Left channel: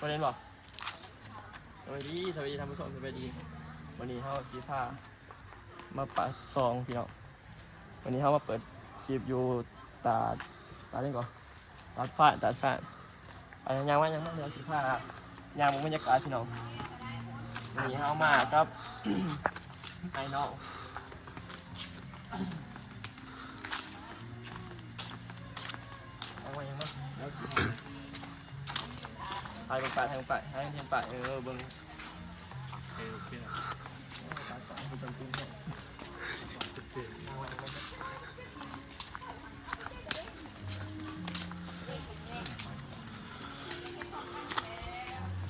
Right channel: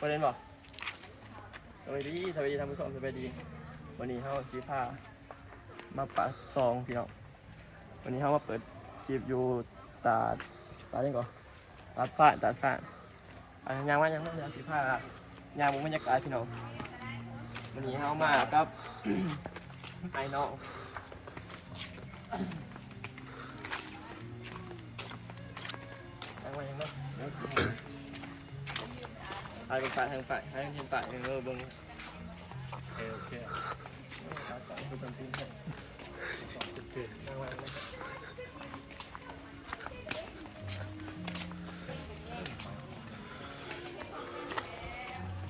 ประเด็นบอกสวัสดีสวัสดีท่านผู้ชมสวัสดี วันนี้เขาจีพามาปะซองพี่น้องวันนี้เขามาเปิดคลิปอยู่ตาตาดยังก่อนตาดฟ้าตาดฟ้าอะยังว่ายังไม่เรียนจีพายางมุมบรรยากาศพี่น้องวันนี้เขามากับไอ้น้องยังว่ายังไม่ เดี๋ยวสิถ่ายเป็นปะถ่ายเป็นปะถ่ายเป็นปเออเบิ่งโอเคโอเค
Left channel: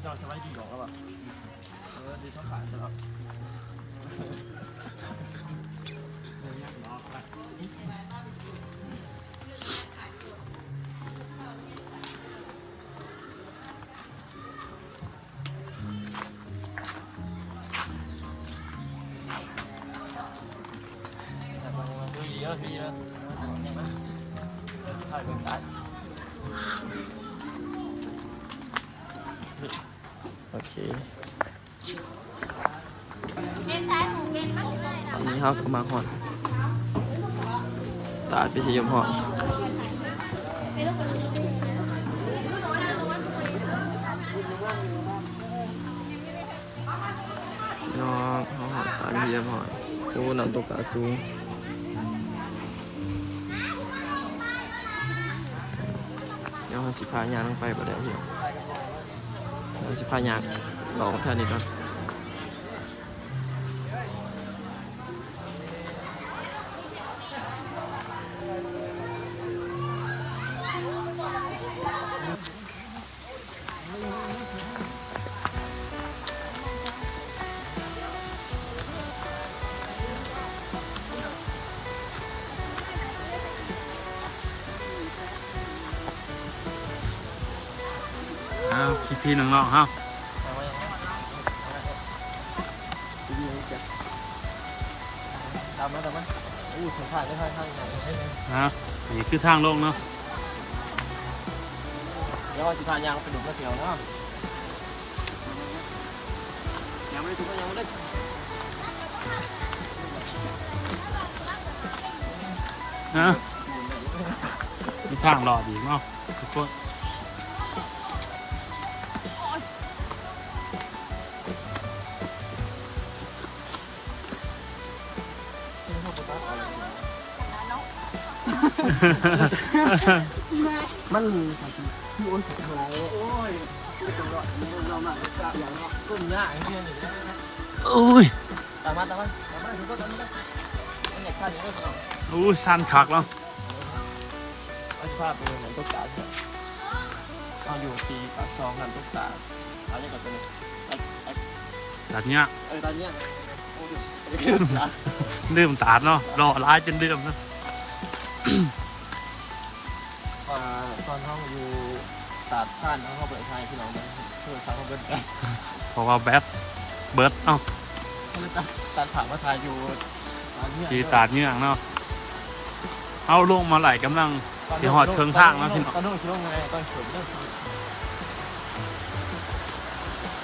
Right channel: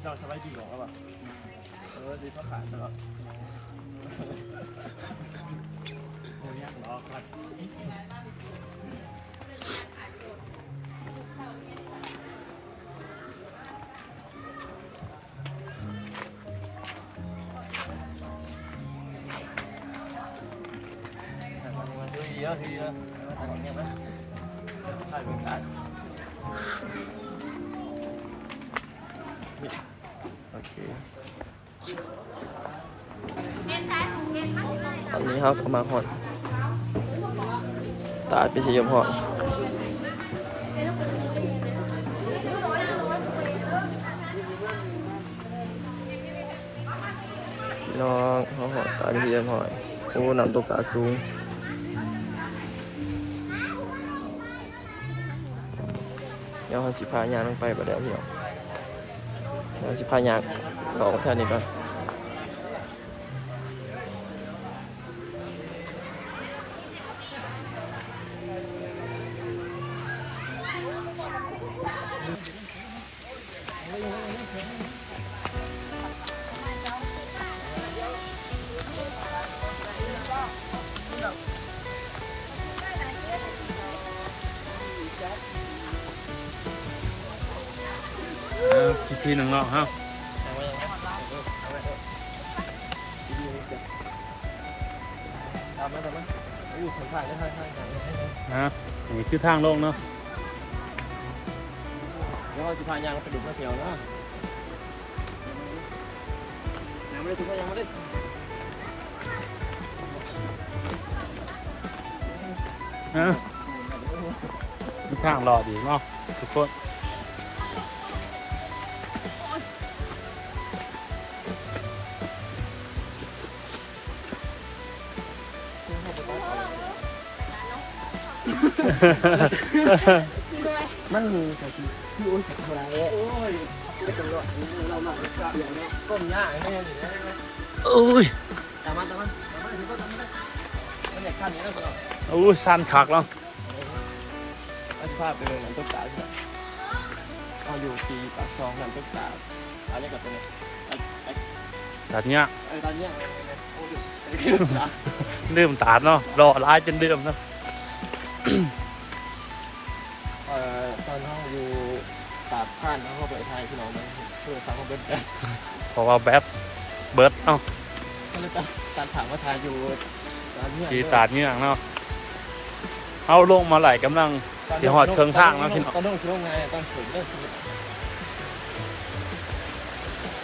เจ้าสบายดีหรอครับเออดีเท่าขายตลอดรอครับ แล้วดูดีแล้วโอเคตอนนี้เขาก็มาหอนตาดไปที่ยมหอนน้องเขาหอดตาเทียมหอยโอ้น้ำตกตาสูง ดี๋ยวเขาสิพายางลงไปบ่ได้พี่น้องเดี๋ยวสิพายางต่อแค่นี้ก่อน พี่พี่น้องๆครับเอาไว้ยังไงเอาไว้เอาไว้ดีๆเสียตามมาตามมาอู้สัมผัสได้ค่อนข้างหน่อยให้เลยนะนี่คือทางลงเนาะเดี๋ยวเราสิพายางไปดูมาเที่ยวเนาะยังไม่ได้ถึงยังไม่ได้นะมีทางรอดีเนาะทุกคน มันก็สิพี่โอ้ยกับอะไรโอ้ยตัวเราหนักเราอย่างเนาะก้มหน้าแม่ดิอุ้ยตามมาตามมาตามมาอันนี้ข้าวนี้ก็ต้องอุ้ยสั้นคักแล้วเอาภาพไปเลยเหมือนตุ๊กตาใช่เอาอยู่ที่ปากซองนั่นตุ๊กตาเอาเนี่ยกับตัวนี้ไอ้แบบเนี้ยไอ้ตอนเนี้ยโอ้ยดื่มตาดเนาะรอร้ายจนดื่มเนาะเอ่อ ตอนห้องอยู่ตาดผ่านทั้งห้องไปไทยพี่น้องนะเพื่อสร้างห้องเบิร์ดกันเพราะว่าแบบเบิร์ดเนาะก็เลยตัดตัดถามว่าไทยอยู่ตอนเนี้ยสีตาดเนี้ยเนาะเอาลงมาไหลกำลังที่หอดเครื่องทางแล้วพี่น้อง ตอนนู้นชิลงไงตอนเฉยเรื่องชีวิต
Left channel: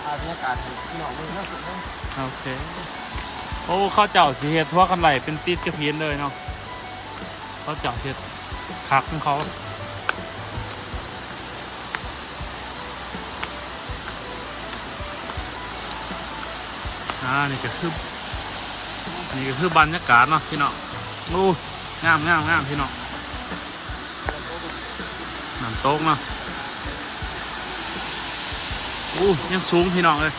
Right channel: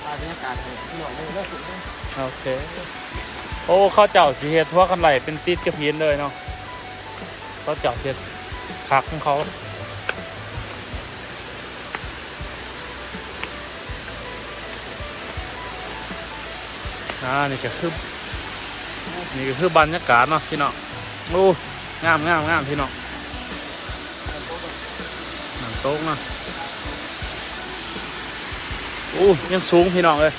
อาบรรยากาศเห็นพี่น้องไม่เลิกสุดเลยโอเค โอ้เข้าเจ้าสีเฮ็ดทั่วกันไหลเป็นติดกระเพียนเลยเนาะ เขาเจ้าเฮ็ดคักของเขาอ่านี่ก็คือนี่ก็คือบรรยากาศเนาะพี่น้องโอ้งามงามงามพี่น้องน้ำโตกเนาะโอ้ยังสูงพี่น้องเลย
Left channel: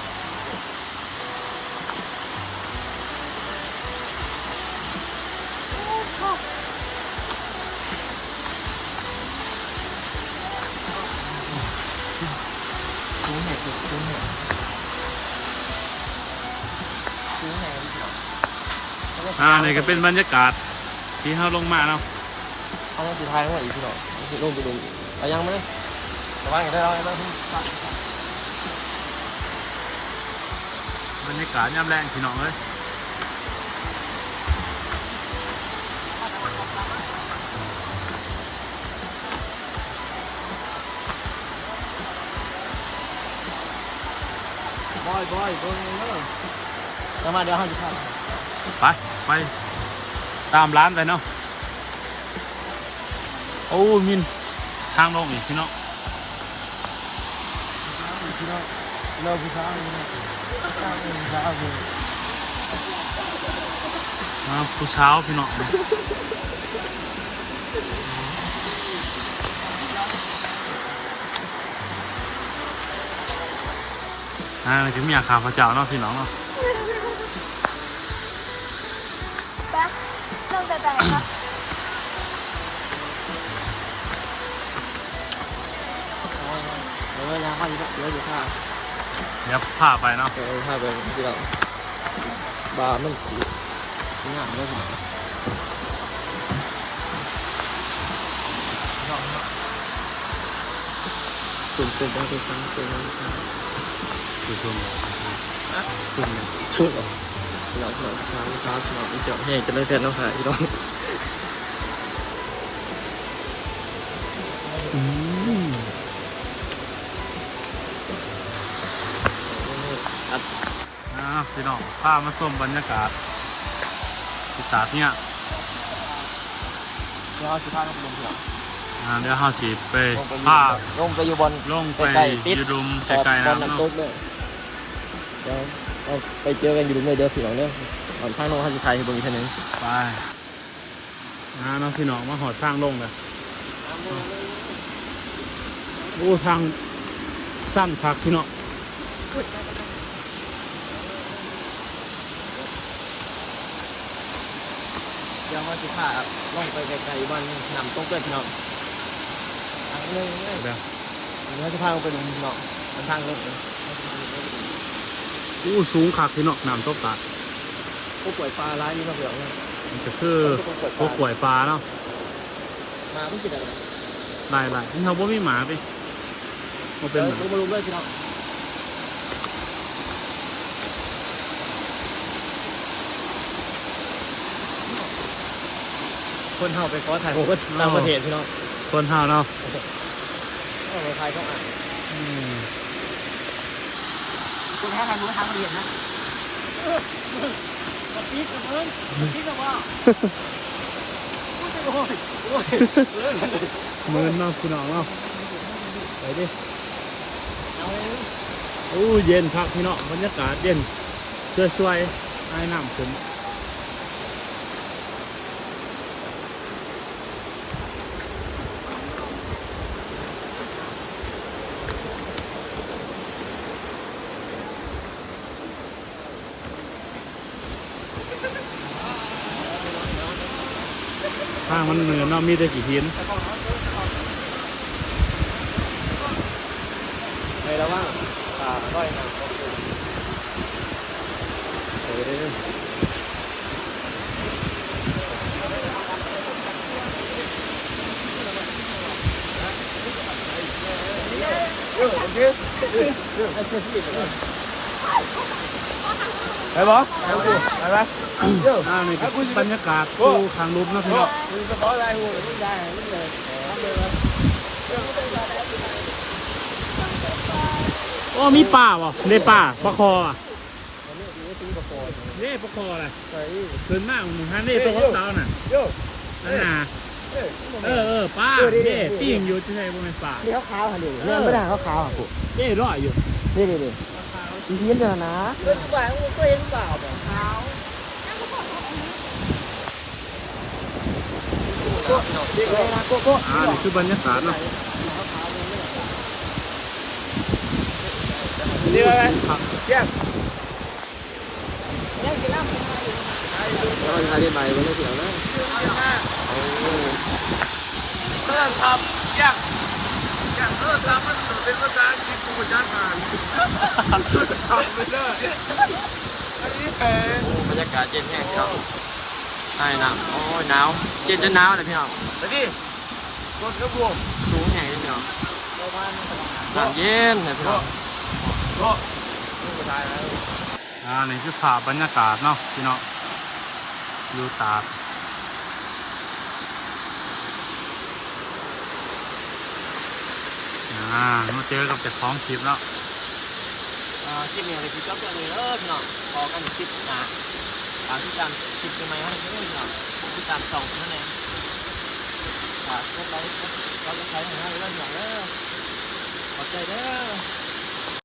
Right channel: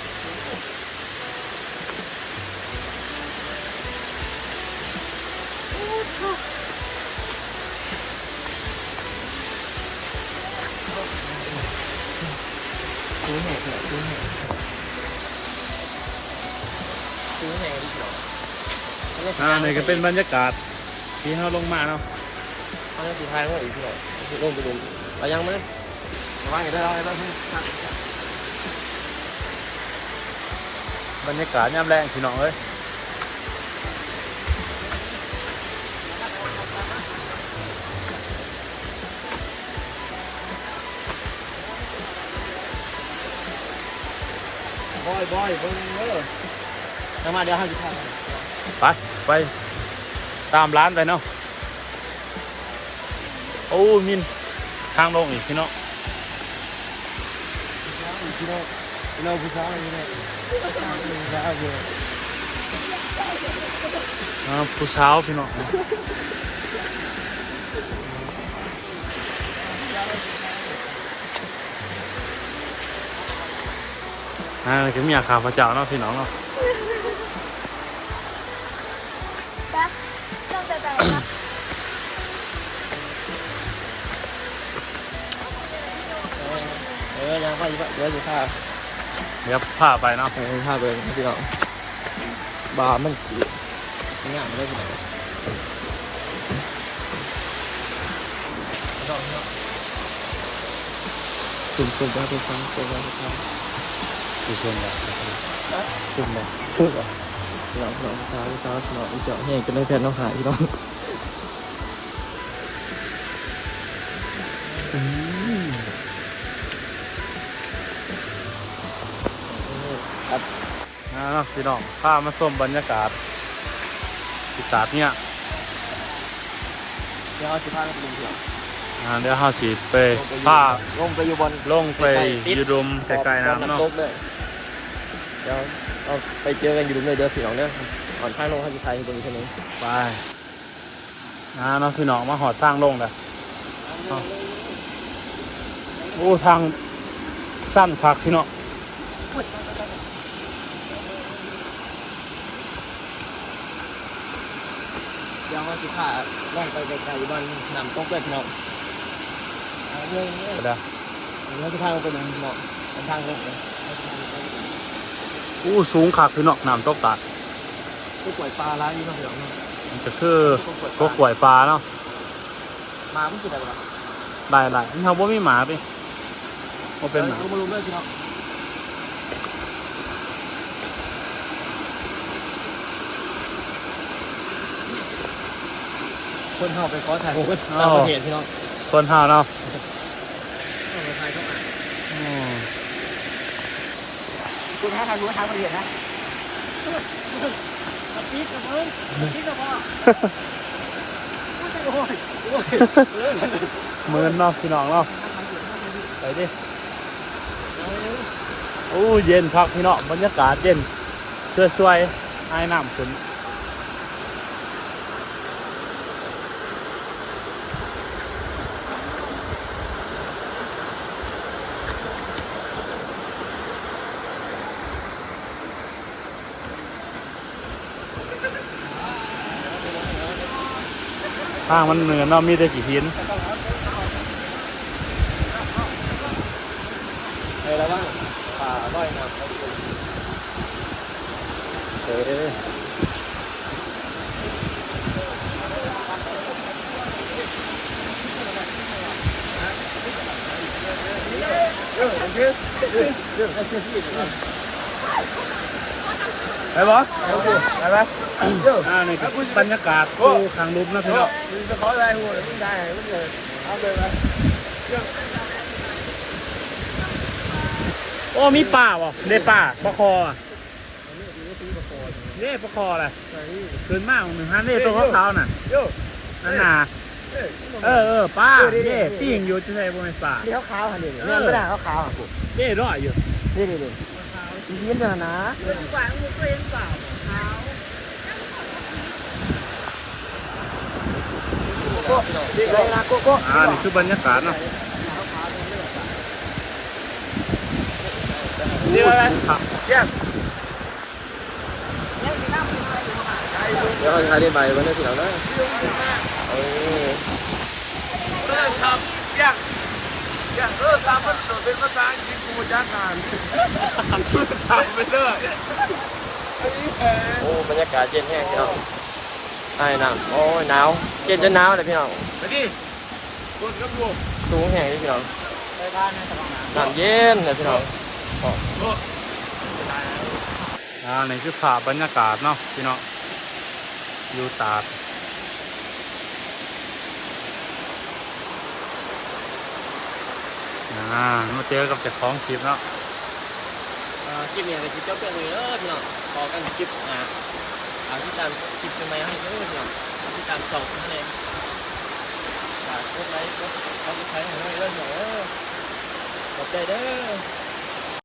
ซื้อแห่เถอะซื้อแห่ซื้อแห่พี่น้องอ่านี่ก็เป็นบรรยากาศที่เราลงมาเนาะเขาต้องดูทางด้วยอีกพี่น้องลงไปดูเรายังไม่ระวังอย่าได้เราเพิ่งตัดบรรยากาศยามแรงพี่น้องเอ้ย บอยบอยเบิ้งเด้อจะมาเดี๋ยวห้าสิบห้าไป ไป ตามร้านไปเนาะ โอ้มิน ทางลงอีกพี่น้องพี่น้องเราผู้ชายพี่น้องผู้ชายผู้ชายพี่น้องอ่าผู้สาวพี่น้อง อ่านี่ก็มีอาคาพระเจ้าเนาะพี่น้องเนาะเออยังไปอีกเดี๋ยวจะพาเดี๋ยวพาไปเนาะพาไปพี่น้องบาร์มันสีงามเลยพี่น้องสุ่มสุ่มได้เป็นครั้งเป็นครั้งเป็น ครั้งผู้มเลยสุ่มเลยสุ่มเลยพี่น้องพี่น้องสาวสาวพี่น้องเจาะแห้งจะเลยแทนน้องหายพี่น้องอ่าพี่น้องพามาชมบรรยากาศที่ตาดเนี่ยเดี๋ยวเอาสิพาเราไปดูเถอะอ่าเดี๋ยวเฮาสิไปพาลงไปอยู่บนลงไปอยู่ดุมไกลๆน้ำเนาะ เลยเดี๋ยวเอาไปเจอกันอยู่ดุมเลยเด้อพี่น้องเด้อก่อนข้างลงให้พี่ชายที่ตรงนี้เท่านี้ไปอ่าเนาะพี่น้องมาหอดทางลงเลยโอ้ทางสั้นพักพี่น้องเดี๋ยวมาสิพาลงไปไกลๆบ้านนำตกเลยพี่น้องเอาเลยเลยไปเด้อเดี๋ยวจะพาลงไปดูพี่น้องบนทางลงเลย อู้สูงคักพี่น้องน้ำตกตาดผู้ป่วยปลาร้ายนี่มาเถอะมันจะคือพวกกล้วยปลาเนาะมาไม่กินอะไรหรอกได้หลายนี่เขาบ่มีหมาไปบ่เป็นหมาเอามาลงเลยพี่น้องคนเฮาไปขอถ่ายรูปต่างประเทศพี่น้องคนเฮาเนาะต้องไปถ่ายเขาอืม คุณพ่อทำรู้ทางประเทศนะกระปิดกระเบิ้งกระปิดกับว่าโอ้ยโอ้ยโอ้ยหมือนเนาะพี่น้องเนาะไปดิโอ้เย็นคักพี่น้องบรรยากาศเย็นช่วยไอ้น้ำขึ้น ทางมันเหมือนเนาะมีแต่กี่หินเฮ้ยแล้วว่าขาก้อยมาเออเรื่องของพี่เรื่องให้เชื่อพี่ก่อน ไปบ่ไปบ่ไปบ่เดี๋ยวอ่านี่ก็บรรยากาศดูทางลุมนะพี่น้องมีกระเป๋าอะไรหูไม่ได้ไม่เลยเอาเลยนะโอ้มีป่าบ่ได้ป่าปลาคออะเด้ปลาคออะไรใส่ขึ้นมากหนึ่งฮันเด้ตัวขาวๆน่ะโย่นั่นน่ะเออเออป้าเด้ปิ้งอยู่ที่ไหนบ่แม่นป่านี่เขาขาวหันดิเนี่ยไม่ได้เขาขาวหันดิเด้ร้อยอยู่นี่นี่นี่อี เทียนเดียวนะเรื่องใหญ่ของตัวเองเปล่าขาวโก้โก้โก้อ่านี่คือบรรยากาศเนาะนี่อะไรเยี่ยมเดี๋ยวเราจะทำได้ไหมวันนี้ที่เราได้โอ้เออครับยังยังเออตามมันเป็นมาตรที่ผู้จัดการไปเลยอันนี้แพง โอ้บรรยากาศเย็นแห้งพี่น้องไอ้น้ำโอ้ยหนาวเย็นจนหนาวเลยพี่น้องอันนี้รถกระบะสูงแห้งเลยพี่น้องน้ำเย็นเลยพี่น้องอ่านี่คือภาพบรรยากาศเนาะพี่น้องอยู่ตาด อ่ามาเจอกับเจ้าของคลิปเนาะอ่าคลิปนี้ก็สิจบตัวเลยเออพี่น้องพอกันคลิปอ่าอาที่ตามคลิปใหม่ๆให้เด้อพี่น้องที่ตามส่องนั่นเองฝากกดไลค์กดเขาจะใช้ให้เด้อพี่น้อยเออขอบใจเด้อ